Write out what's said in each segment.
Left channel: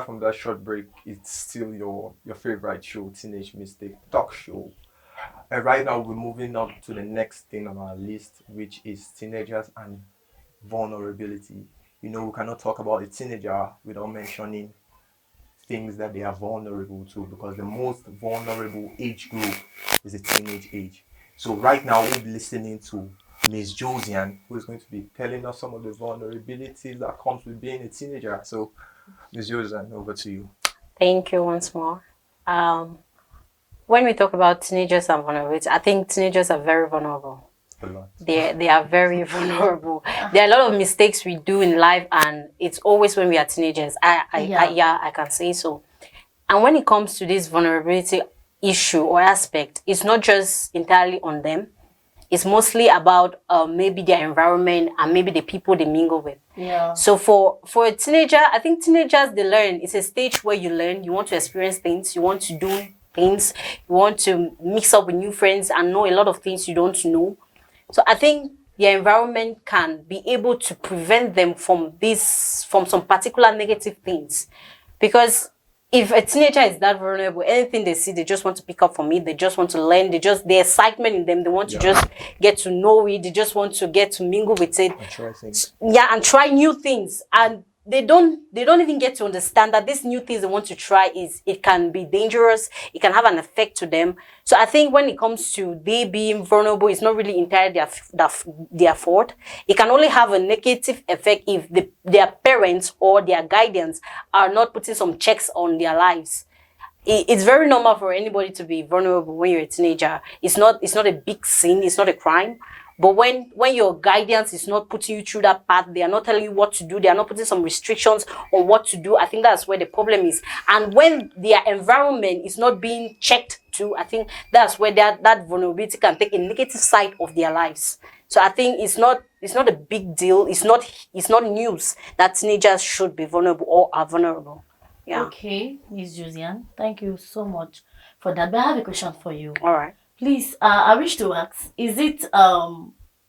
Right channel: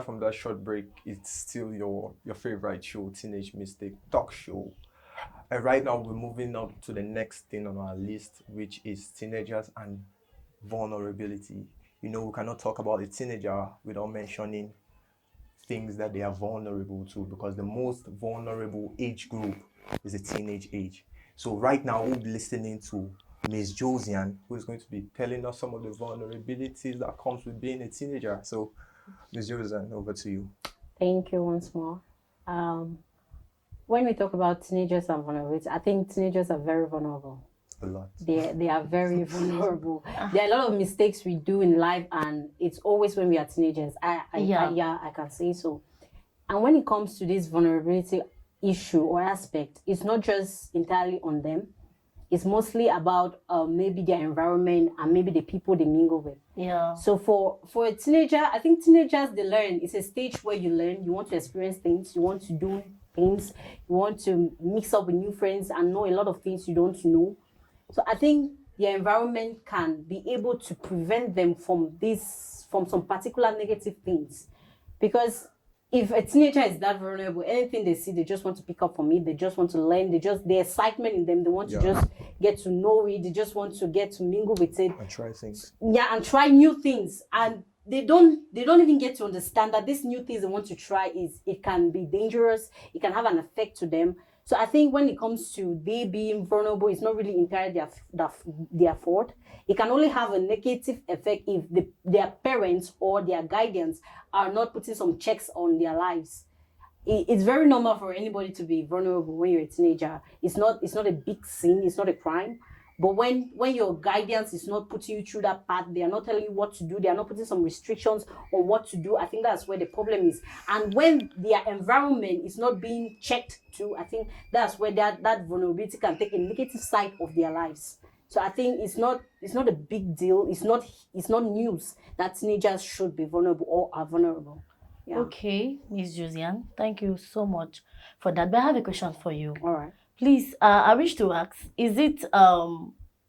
back from that short break. It's still your favorite show, Teenage Mistake Talk Show. And right now we're moving on to the next thing on our list, which is teenagers and vulnerability. We cannot talk about a teenager without mentioning things that they are vulnerable to, because the most vulnerable age group is the teenage age. So right now we'll be listening to Miss Josiane, who is going to be telling us some of the vulnerabilities that comes with being a teenager. So Miss Josiane, over to you. Thank you once more. When we talk about teenagers and vulnerability, I think teenagers are very vulnerable. A lot. They are very vulnerable. There are a lot of mistakes we do in life, and it's always when we are teenagers. I can say so. And when it comes to this vulnerability issue or aspect, it's not just entirely on them. It's mostly about maybe their environment and maybe the people they mingle with. Yeah. So for a teenager, I think teenagers, they learn. It's a stage where you learn. You want to experience things. You want to do things. You want to mix up with new friends and know a lot of things you don't know. So I think their environment can be able to prevent them from some particular negative things. Because if a teenager is that vulnerable, anything they see, they just want to pick up from it. They just want to learn. The excitement in them, they want to just get to know it. They just want to get to mingle with it. And try things. Yeah, and try new things. And they don't even get to understand that these new things they want to try it can be dangerous. It can have an effect to them. So I think when it comes to they being vulnerable, it's not really entirely their fault. It can only have a negative effect if their parents or their guardians are not putting some checks on their lives. It's very normal for anybody to be vulnerable when you're a teenager. It's not a big sin. It's not a crime. But when your guidance is not putting you through that path, they are not telling you what to do, they are not putting some restrictions on what to do, I think that's where the problem is. And when their environment is not being checked to, I think that's where that vulnerability can take a negative side of their lives. So I think it's not a big deal. It's not news that teenagers should be vulnerable or are vulnerable. Yeah. Okay, Miss Josiane, thank you so much for that. But I have a question for you. All right. Please, I wish to ask, is it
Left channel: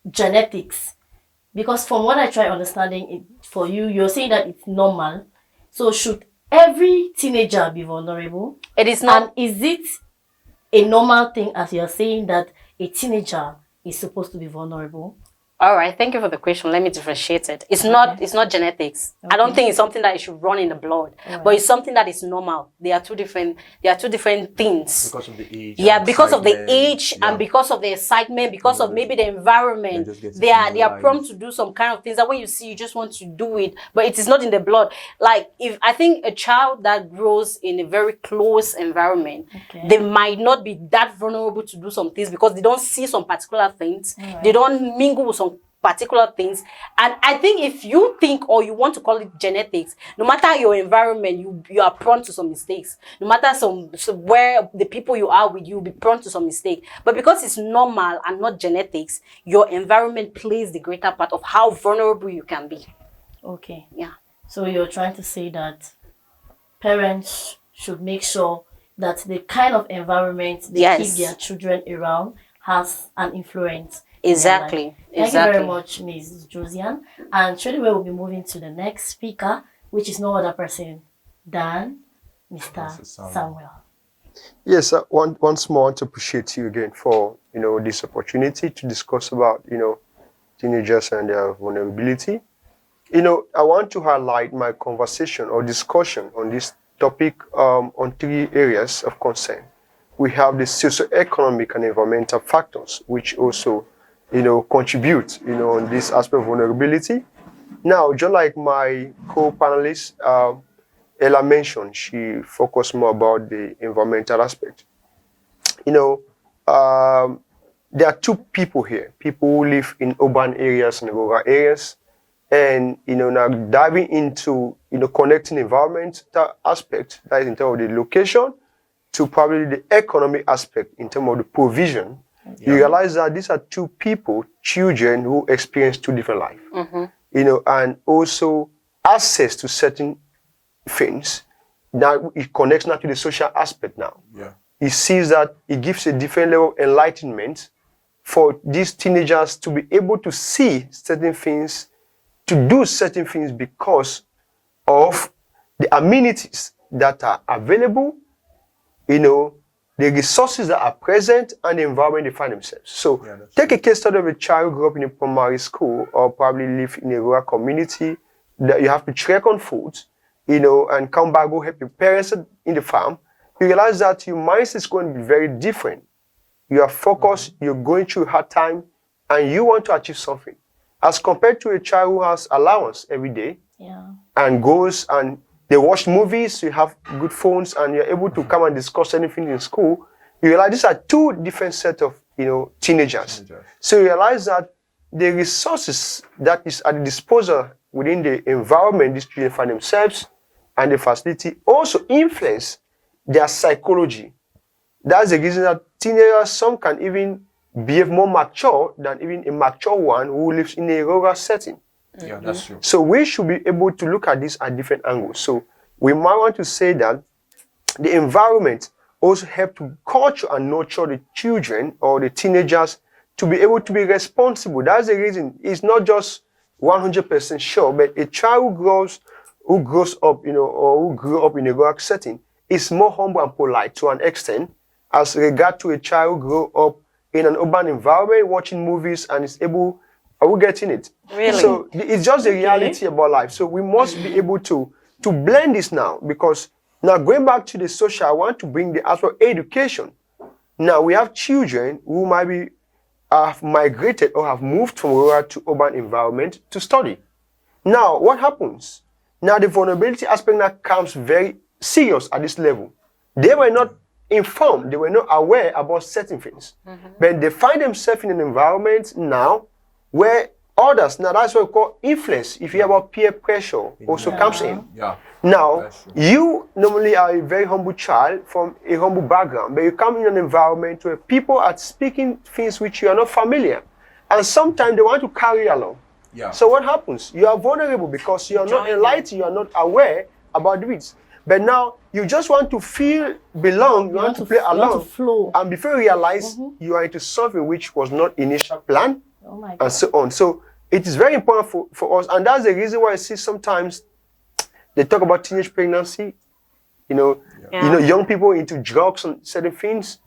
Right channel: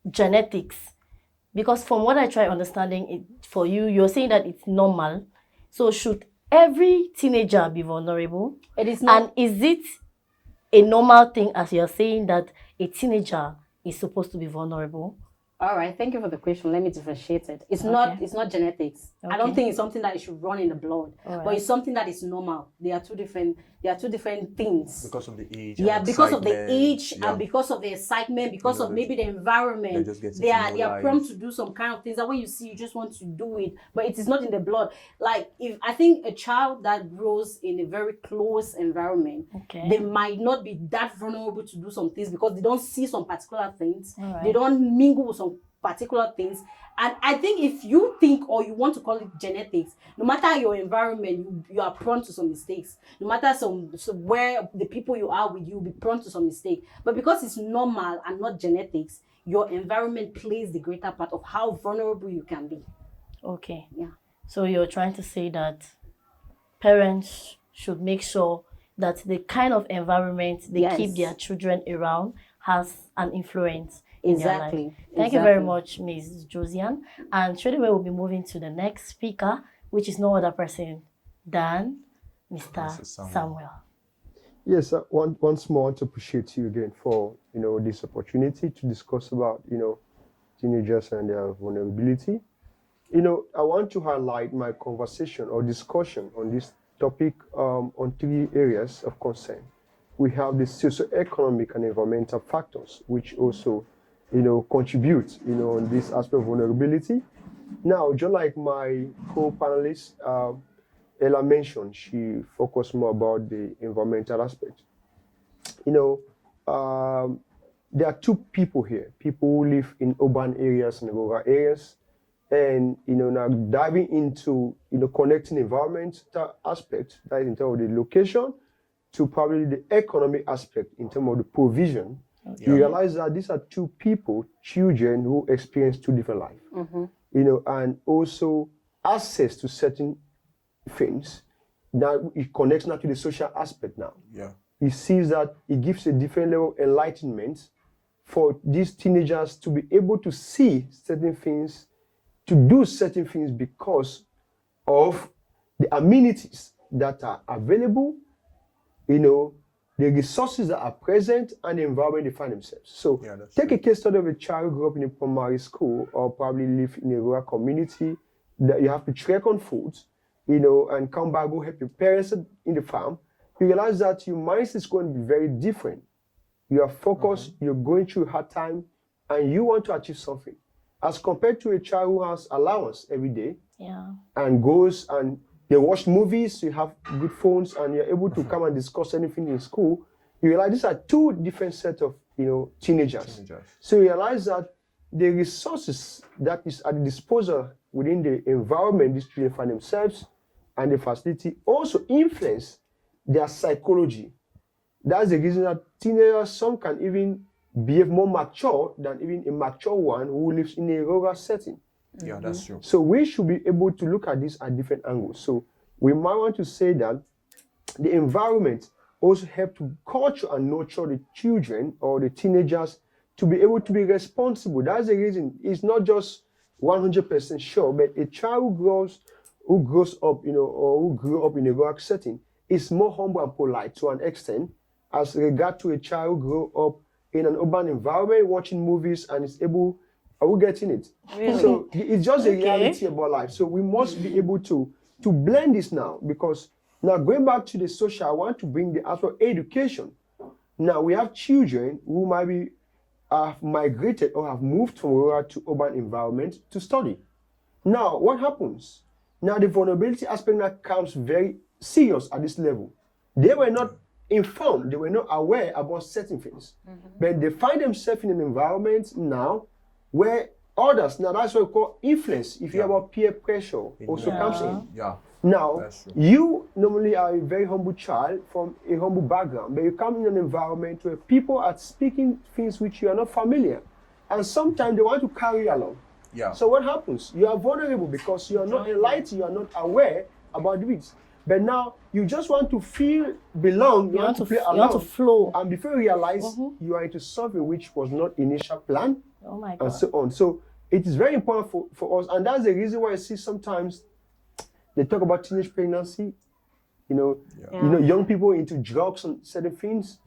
genetics? Because from what I try understanding it for you, you're saying that it's normal. So should every teenager be vulnerable? It is not. And is it a normal thing, as you're saying, that a teenager is supposed to be vulnerable? All right, thank you for the question. Let me differentiate it. It's not genetics. Okay. I don't think it's something that it should run in the blood, but it's something that is normal. They are two different things. Because of the age. Yeah, because of the excitement. age and because of the excitement, because of maybe the environment. They are prone to do some kind of things that when you see, you just want to do it, but it is not in the blood. Like if I think a child that grows in a very close environment, they might not be that vulnerable to do some things because they don't see some particular things. They don't mingle with some particular things. And I think if you think or you want to call it genetics, no matter your environment, you are prone to some mistakes. No matter where the people you are with, you'll be prone to some mistake. But because it's normal and not genetics, your environment plays the greater part of how vulnerable you can be. Okay. Yeah. So you're trying to say that parents should make sure that the kind of environment they keep their children around has an influence. Exactly. Thank you very much, Ms. Josiane. And straight away we'll be moving to the next speaker, which is no other person than Mr. Samuel. Yes, once more, I want to appreciate you again for this opportunity to discuss about teenagers and their vulnerability. I want to highlight my conversation or discussion on this topic on three areas of concern. We have the socioeconomic and environmental factors, which also contribute, on this aspect of vulnerability. Now, just like my co-panelist, Ella mentioned, she focused more about the environmental aspect. There are two people here, people who live in urban areas and rural areas. And, now diving into, connecting environment aspect, that is in terms of the location, to probably the economic aspect in terms of the provision. You realize that these are two people, children who experience two different lives, and also access to certain things. Now it connects now to the social aspect now. Yeah. He sees that it gives a different level of enlightenment for these teenagers to be able to see certain things, to do certain things because of the amenities that are available, the resources that are present, and the environment they find themselves. So take a case study of a child who grew up in a primary school or probably live in a rural community that you have to trek on foot, and come back, go help your parents in the farm. You realize that your mindset is going to be very different. You are focused, you're going through a hard time, and you want to achieve something. As compared to a child who has allowance every day and goes and they watch movies, you have good phones, and you're able to come and discuss anything in school. You realize these are two different sets of teenagers. So you realize that the resources that is at the disposal within the environment these children find themselves and the facility also influence their psychology. That's the reason that teenagers, some can even behave more mature than even a mature one who lives in a rural setting. Yeah, that's true. So we should be able to look at this at different angles. So we might want to say that the environment also helps to culture and nurture the children or the teenagers to be able to be responsible. That's the reason. It's not just 100% sure, but a child who grows up, or who grew up in a rural setting is more humble and polite to an extent as regard to a child who grew up in an urban environment watching movies and is able. Are we getting it? Really? So it's just the reality about life. So we must be able to blend this now, because now going back to the social, I want to bring the aspect of education. Now we have children who might have migrated or have moved from rural to urban environment to study. Now what happens? Now the vulnerability aspect now comes very serious at this level. They were not informed, they were not aware about certain things. But they find themselves in an environment now where others, now that's what we call influence. If you hear about peer pressure, also comes in. Yeah. Now, you normally are a very humble child from a humble background, but you come in an environment where people are speaking things which you are not familiar. And sometimes they want to carry you along. Yeah. So what happens? You are vulnerable because you are not enlightened, you are not aware about this. But now you just want to feel belong, you want to play along. You want to flow. And before you realize you are into something which was not initial plan. Oh my God. And so on. So it is very important for us. And that's the reason why I see sometimes they talk about teenage pregnancy, young people into drugs and certain things,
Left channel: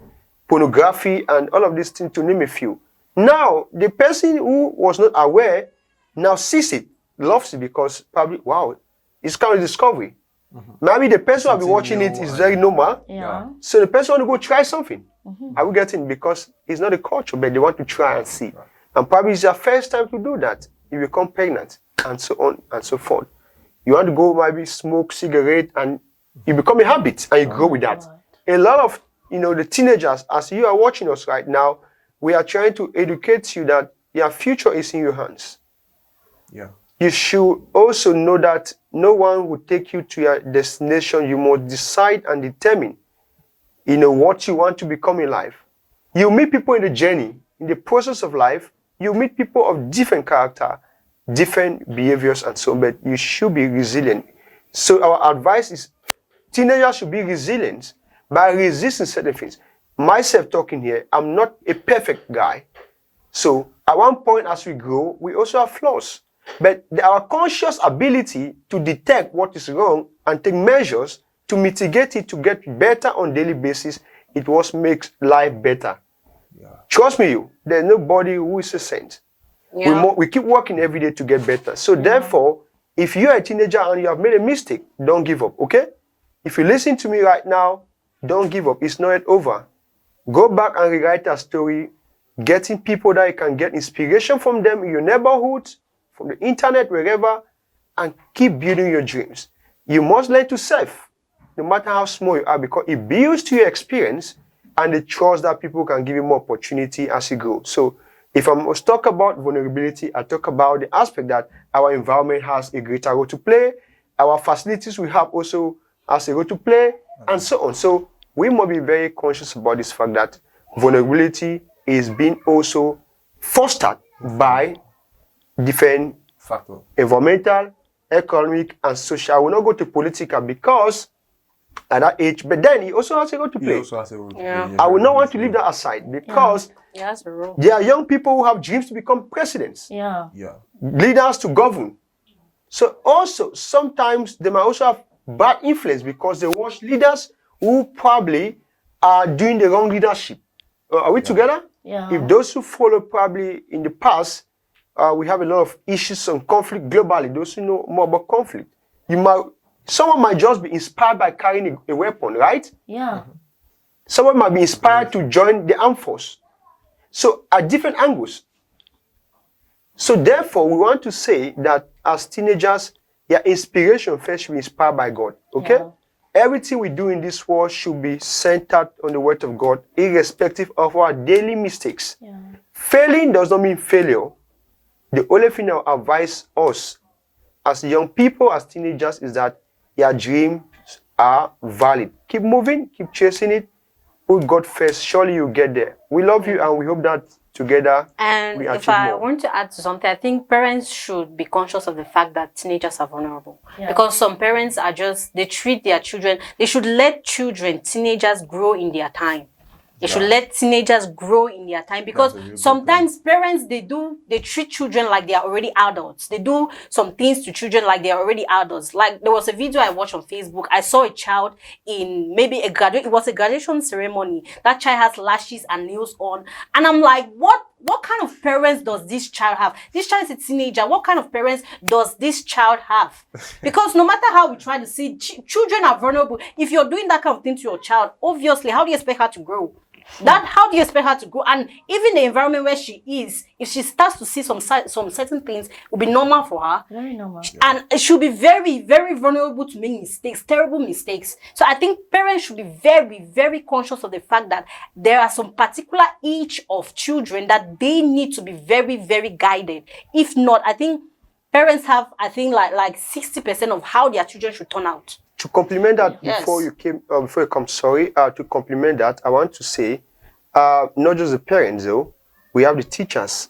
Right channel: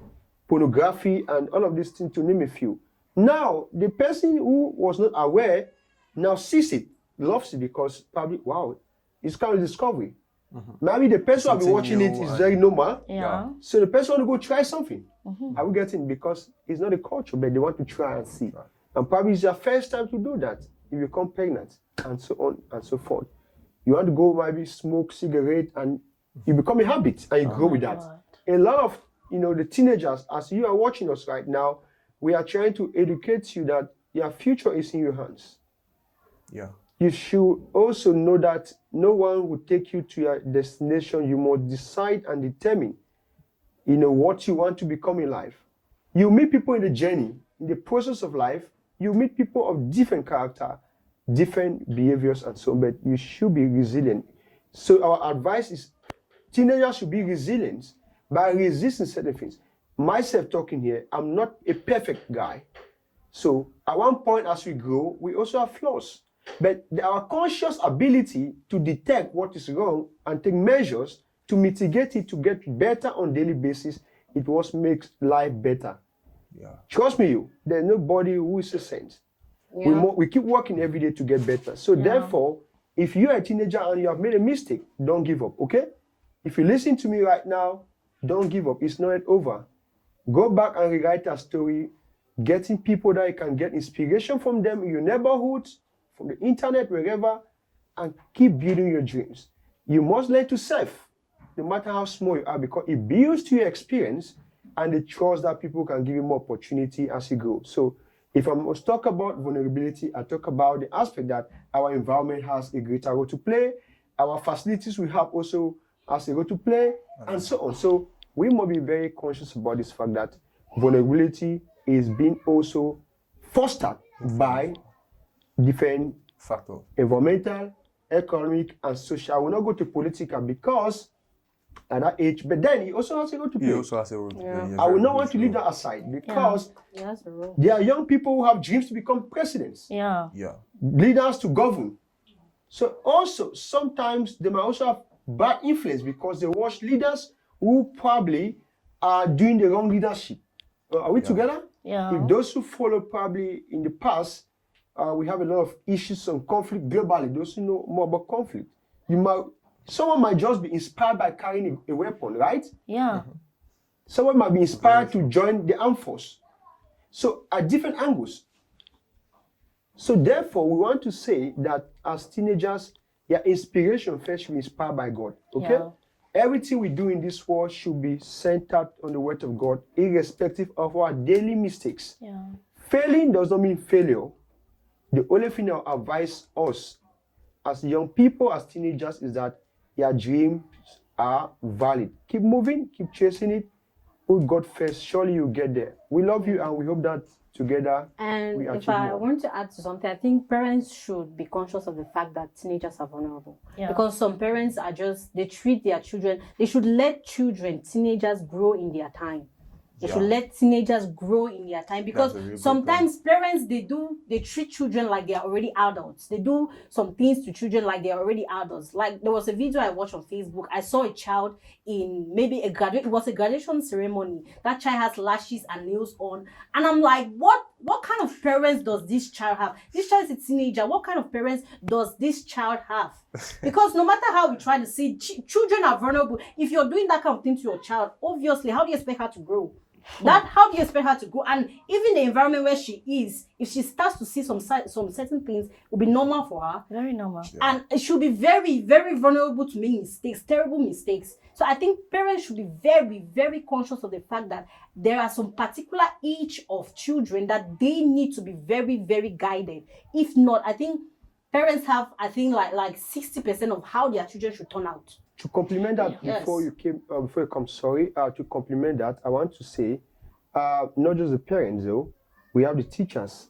pornography and all of these things, to name a few. Now, the person who was not aware now sees it, loves it, because probably, wow, it's kind of discovery. Maybe the person who will be watching it is very normal. Yeah. So the person want to go try something. Are we getting? Because it's not a culture, but they want to try and see. And probably it's their first time to do that. You become pregnant, and so on and so forth. You want to go maybe smoke cigarette, and you become a habit, and you grow with that. A lot of the teenagers, as you are watching us right now, we are trying to educate you that your future is in your hands. Yeah. You should also know that no one will take you to your destination. You must decide and determine, what you want to become in life. You meet people in the journey, in the process of life. You meet people of different character, different behaviors, and so on, but you should be resilient. So our advice is teenagers should be resilient by resisting certain things. Myself talking here, I'm not a perfect guy. So at one point as we grow, we also have flaws. But our conscious ability to detect what is wrong and take measures to mitigate it, to get better on a daily basis, it what makes life better. Yeah. Trust me, there's nobody who is a saint. Yeah. We keep working every day to get better. So therefore, if you're a teenager and you have made a mistake, don't give up, okay? If you listen to me right now, don't give up. It's not yet over. Go back and rewrite a story, getting people that you can get inspiration from them in your neighborhood, from the internet, wherever, and keep building your dreams. You must learn to serve, no matter how small you are, because it builds to your experience and the trust that people can give you more opportunity as you grow. So if I must talk about vulnerability, I talk about the aspect that our environment has a greater role to play, our facilities we have also has a role to play, and so on. So we must be very conscious about this fact that vulnerability is being also fostered by different factors, environmental, economic, and social. I will not go to political because at that age, but then he also has a role to play. I will not want to leave that aside because there are young people who have dreams to become presidents. Yeah. Leaders to govern. So also, sometimes they might also have bad influence because they watch leaders who probably are doing the wrong leadership. Are we together? Yeah. If those who follow probably in the past, we have a lot of issues on conflict globally. Those who know more about conflict, someone might just be inspired by carrying a weapon, right? Yeah. Someone might be inspired to join the armed force. So at different angles. So therefore, we want to say that as teenagers, your inspiration first should be inspired by God. Okay? Yeah. Everything we do in this world should be centered on the word of God, irrespective of our daily mistakes. Yeah. Failing does not mean failure. The only thing I will advise us as young people, as teenagers, is that your dreams are valid. Keep moving, keep chasing it. Put God first. Surely you'll get there. We love you and we hope that together And we if achieve I more. want to add to something, I think parents should be conscious of the fact that teenagers are vulnerable. Yeah. Because some parents are they treat their children, they should let teenagers grow in their time. They should let teenagers grow in their time because That's a real good sometimes parents, they treat children like they are already adults. They do some things to children like they are already adults. Like there was a video I watched on Facebook. I saw a child in maybe it was a graduation ceremony. That child has lashes and nails on. And I'm like, what kind of parents does this child have? This child is a teenager. What kind of parents does this child have? Because no matter how we try to see, children are vulnerable. If you're doing that kind of thing to your child, obviously, how do you expect her to grow? How do you expect her to grow? And even the environment where she is, if she starts to see some certain things, it will be normal for her. Very normal. And it should be very, very vulnerable to make mistakes, terrible mistakes. So I think parents should be very, very conscious of the fact that there are some particular age of children that they need to be very, very guided. If not, I think parents have, like 60% of how their children should turn out. To complement that, Yes. before you come, to complement that, I want to say, not just the parents though, we have the teachers,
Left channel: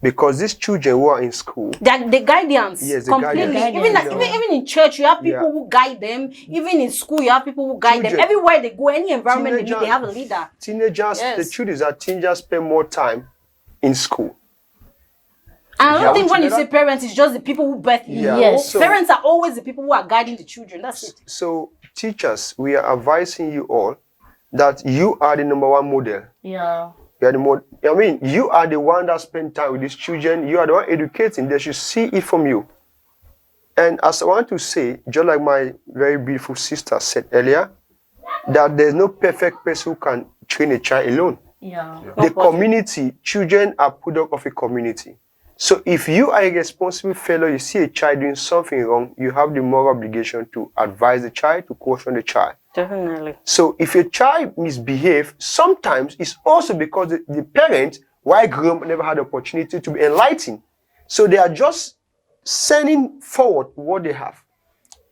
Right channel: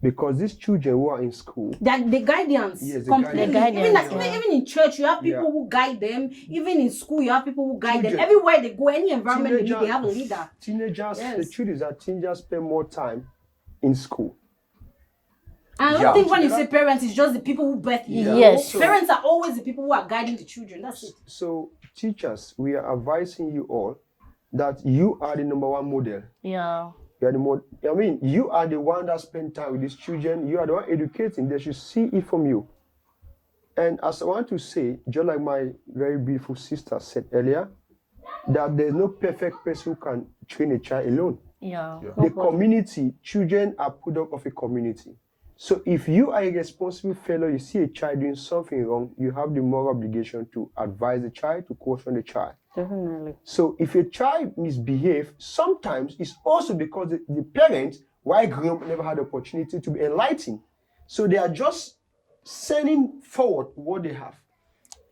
because these children who are in school, The guidance, Yes, the completely. guidance. Even in church, you have people Yeah. who guide them. Even in school, you have people who guide them. Children. Everywhere they go, any environment they have a leader. Teenagers, Yes. the truth is that teenagers spend more time in school. And I don't Yeah. think when you say parents, it's just the people who birth you. Yeah. Yes. So- Parents are always the people who are guiding the children. That's it. So teachers, we are advising you all that you are the number one model. Yeah. You are the you are the one that spend time with these children. You are the one educating. They should see it from you. And as I want to say, just like my very beautiful sister said earlier, that there's no perfect person who can train a child alone. Yeah. The community, children are product of a community. So if you are a responsible fellow, you see a child doing something wrong, you have the moral obligation to advise the child, to caution the child. Definitely. So if a child misbehaves, sometimes it's also because the parent, while grown, never had the opportunity to be enlightened. So they are just sending forward what they have.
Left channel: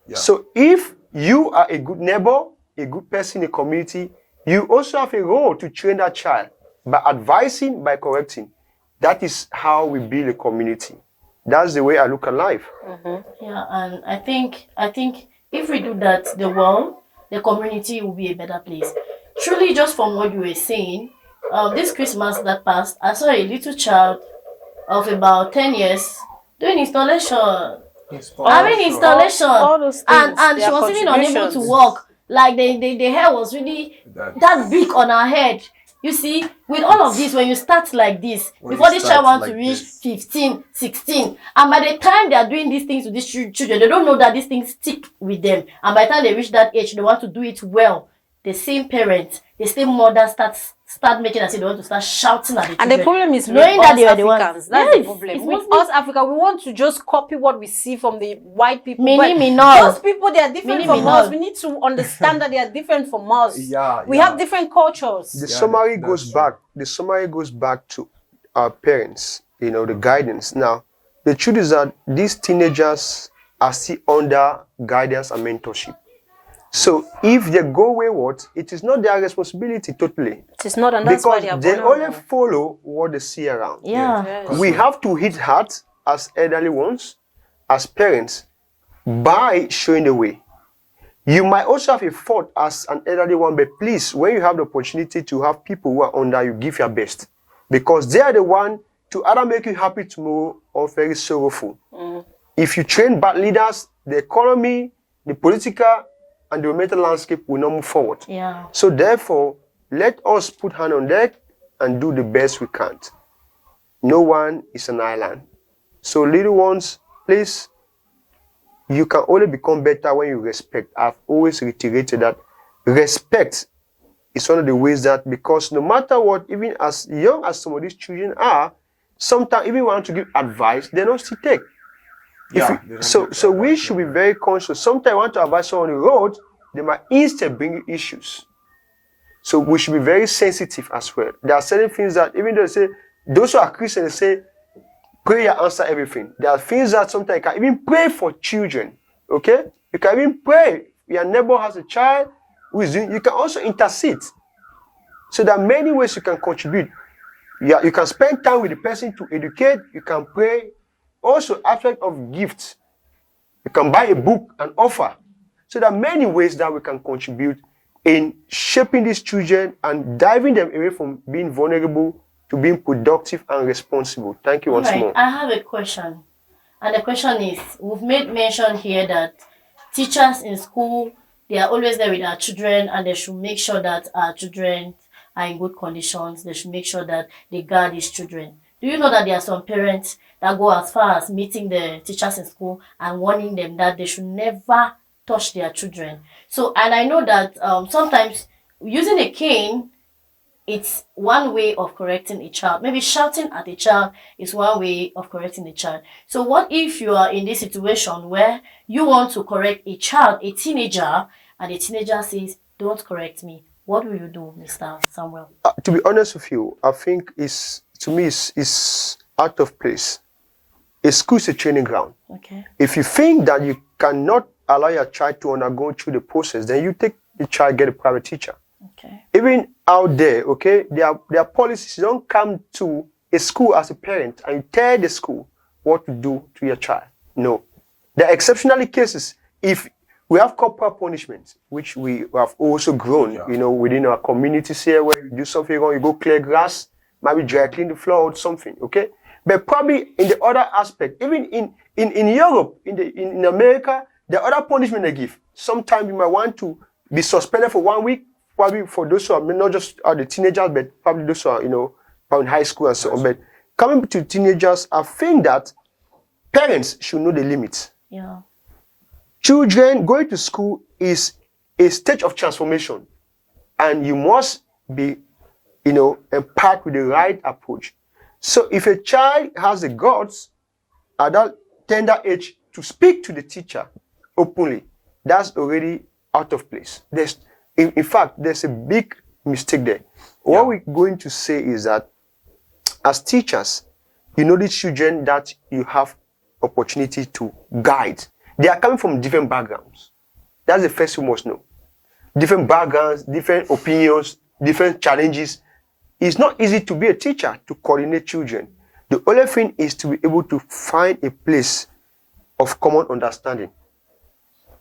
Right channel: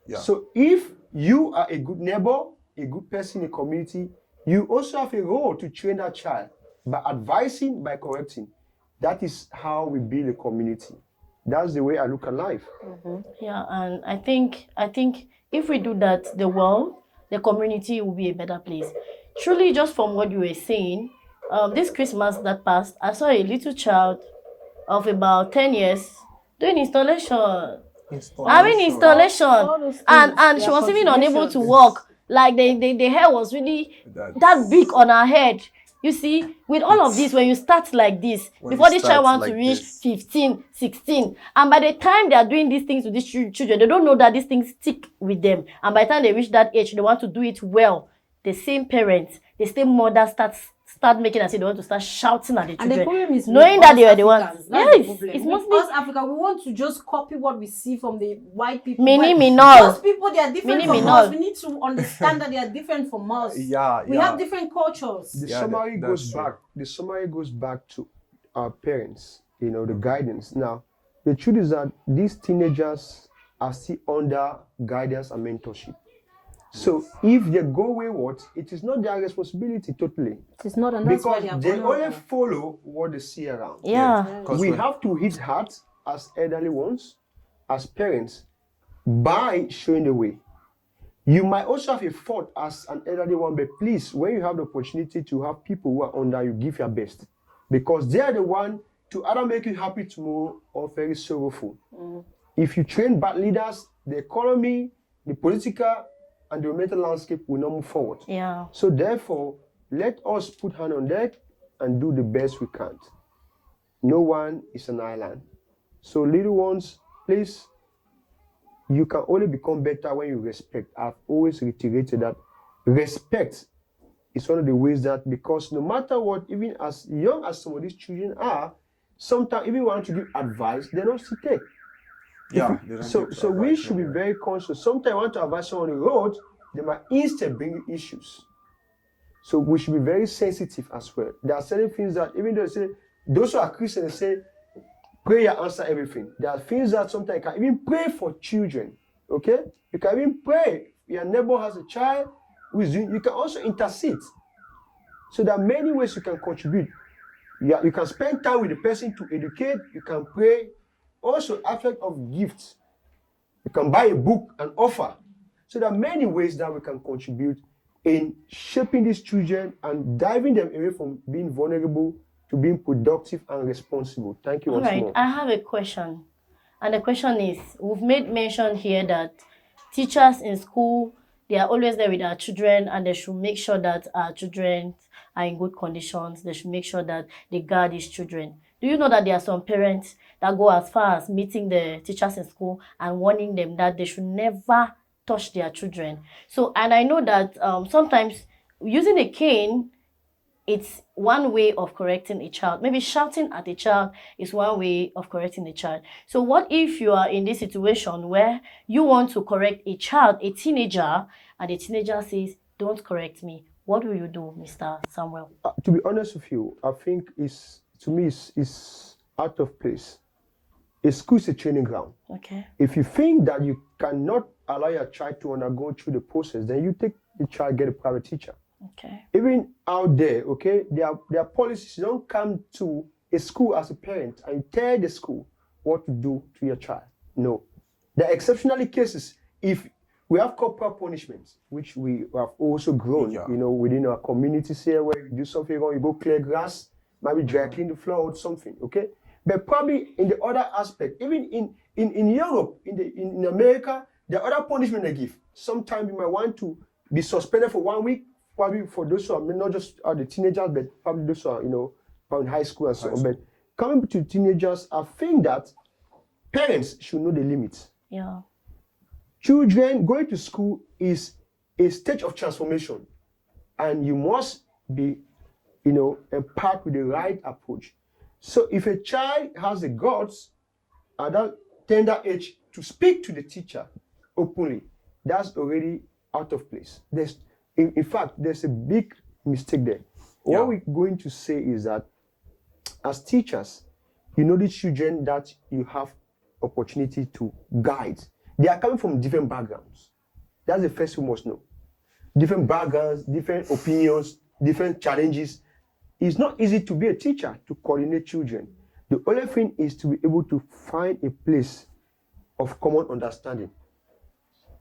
Yeah. So if you are a good neighbor, a good person in the community, you also have a role to train that child by advising, by correcting. That is how we build a community. That's the way I look at life. Yeah, and I think if we do that, the world, the community will be a better place. Truly, just from what you were saying, this Christmas that passed, I saw a little child of about 10 years doing installation. Having installation, All those and things, she their was even unable to contributions. walk. Like the hair was really that big on her head. You see, with all of this, when you start like this, When before you this child start wants to like reach this. 15, 16, and by the time they are doing these things to these children, they don't know that these things stick with them. And by the time they reach that age, they want to do it well. The same parents, the same mother start making as if they want to start shouting at the children. And the problem is knowing with that us they are the ones. Africans. That's the Yes, problem. it's With mostly us Africa, we want to just copy what we see from the white people. Mini But minor. those people, they are different Mini from minor. us. We need to understand that they are different from us. Yeah, We yeah. have different cultures. The Yeah, summary that's goes true. back. The summary goes back to our parents. The guidance. Now, the truth is that these teenagers are still under guidance and mentorship. So if they go wayward, it is not their responsibility totally, It is not, and that's why because they are they only vulnerable. follow what they see around. Yeah. Yes. We have to hit hard as elderly ones, as parents, by showing the way. You might also have a fault as an elderly one, but please, when you have the opportunity to have people who are under you, give your best. Because they are the one to either make you happy tomorrow or very sorrowful. If you train bad leaders, the economy, the political and the mental landscape will not move forward. Yeah. So therefore, let us put hand on deck and do the best we can. No one is an island. So little ones, please, you can only become better when you respect. I've always reiterated that respect is one of the ways that, because no matter what, even as young as some of these children are, sometimes even want to give advice, they don't still take. Yeah. they don't So give we advice, should be no. very conscious. Sometimes you want to advise someone on the road, they might instead bring you issues. So we should be very sensitive as well. There are certain things that, even though they say, those who are Christians say, prayer answer everything. There are things that sometimes you can even pray for children. Okay? You can even pray. Your neighbor has a child who is doing, you can also intercede. So there are many ways you can contribute. Yeah, you can spend time with the person to educate, you can pray. Also, aspect of gifts. You can buy a book and offer. So there are many ways that we can contribute in shaping these children and driving them away from being vulnerable to being productive and responsible. Thank you All once right. more. I have a question. And the question is, we've made mention here that teachers in school, they are always there with our children and they should make sure that our children are in good conditions. They should make sure that they guard these children. Do you know that there are some parents that go as far as meeting the teachers in school and warning them that they should never touch their children? So, and I know that sometimes using a cane, it's one way of correcting a child. Maybe shouting at a child is one way of correcting a child. So what if you are in this situation where you want to correct a child, a teenager, and the teenager says, don't correct me? What will you do, Mr. Samuel? To be honest with you, I think to me is out of place. A school is a training ground. Okay. If you think that you cannot allow your child to undergo through the process, then you take the child, get a private teacher. Okay. Even out there, okay, there are policies. You don't come to a school as a parent and tell the school what to do to your child. No. There are exceptional cases. If we have corporal punishment, which we have also grown, within our communities here, where you do something wrong, you go clear grass, maybe dry clean the floor or something, okay? But probably in the other aspect, even in Europe, in America, the other punishment they give. Sometimes you might want to be suspended for 1 week, probably for those who are not just the teenagers, but probably those who are, probably in high school and so on. But coming to teenagers, I think that parents should know the limits. Yeah. Children going to school is a stage of transformation, and you must be, empowered with the right approach. So if a child has the guts at that tender age to speak to the teacher openly, that's already out of place. In fact, there's a big mistake there. Yeah. What we're going to say is that as teachers, these children that you have opportunity to guide, they are coming from different backgrounds. That's the first you must know. Different backgrounds, different opinions, different challenges. It's not easy to be a teacher, to coordinate children. The only thing is to be able to find a place of common understanding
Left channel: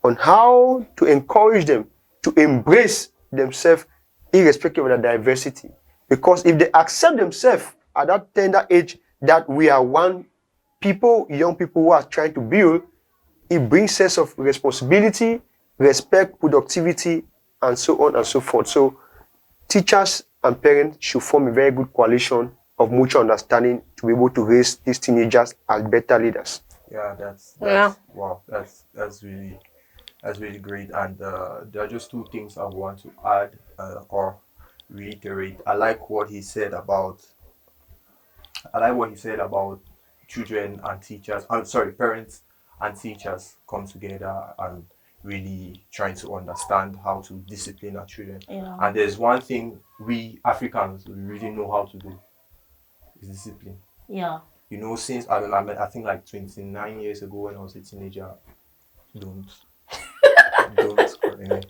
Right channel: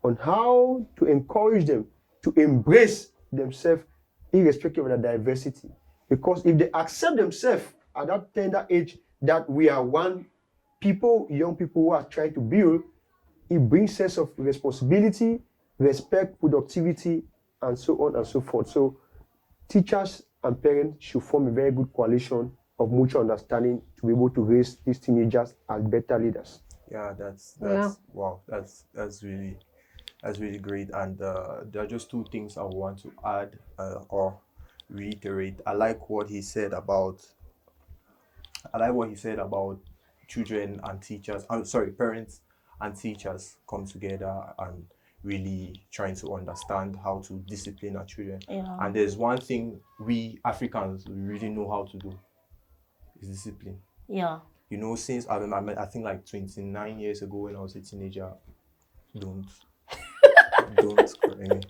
on how to encourage them to embrace themselves irrespective of their diversity. Because if they accept themselves at that tender age that we are one people, young people who are trying to build, it brings sense of responsibility, respect, productivity, and so on and so forth. So teachers and parents should form a very good coalition of mutual understanding to be able to raise these teenagers as better leaders. Yeah, that's wow. That's really great. And there are just two things I want to add or reiterate. I like what he said about children and teachers. I'm sorry, parents and teachers come together and really trying to understand how to discipline our children. Yeah. And there's one thing we Africans we really know how to do is discipline. Yeah. Since I think like 29 years ago when I was a teenager, don't correct me.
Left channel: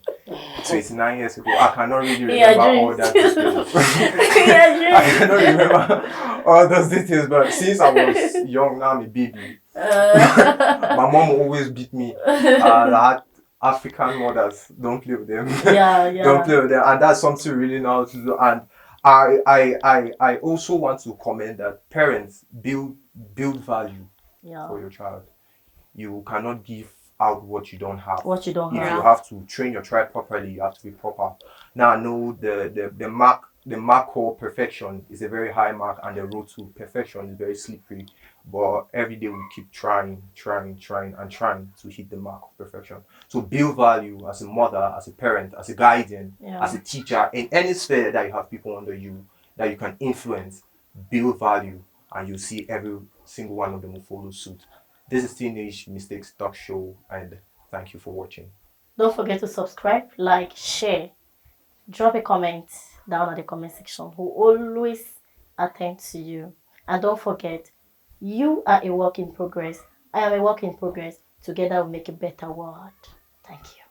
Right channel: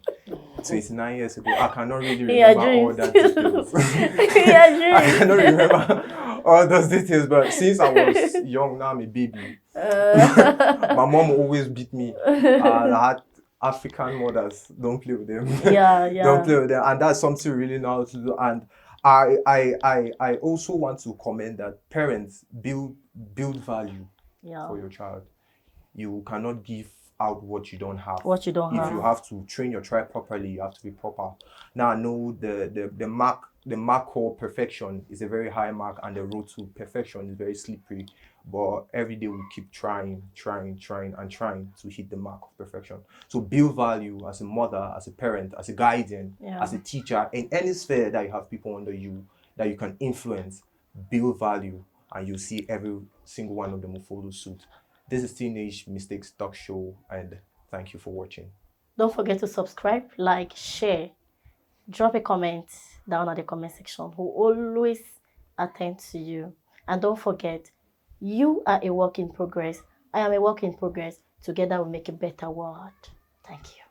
29 years ago, I cannot really remember all that details. I cannot remember all those details, but since I was young, now I'm a baby. My mom always beat me. I had African mothers, don't play with them. Yeah. Don't play with them. And that's something really now to do. And I also want to comment that parents build value for your child. You cannot give out what you don't have. What you don't If have. you have to train your tribe properly, you have to be proper. Now I know the mark called perfection is a very high mark, and the road to perfection is very slippery. But every day we keep trying to hit the mark of perfection. So build value as a mother, as a parent, as a guardian, Yeah. as a teacher, in any sphere that you have people under you that you can influence. Build value, and you'll see every single one of them will follow suit. This is Teenage Mistakes Talk Show, and thank you for watching. Don't forget to subscribe, like, share. Drop a comment down at the comment section. We'll always attend to you. And don't forget, you are a work in progress. I am a work in progress. Together we make a better world. Thank you.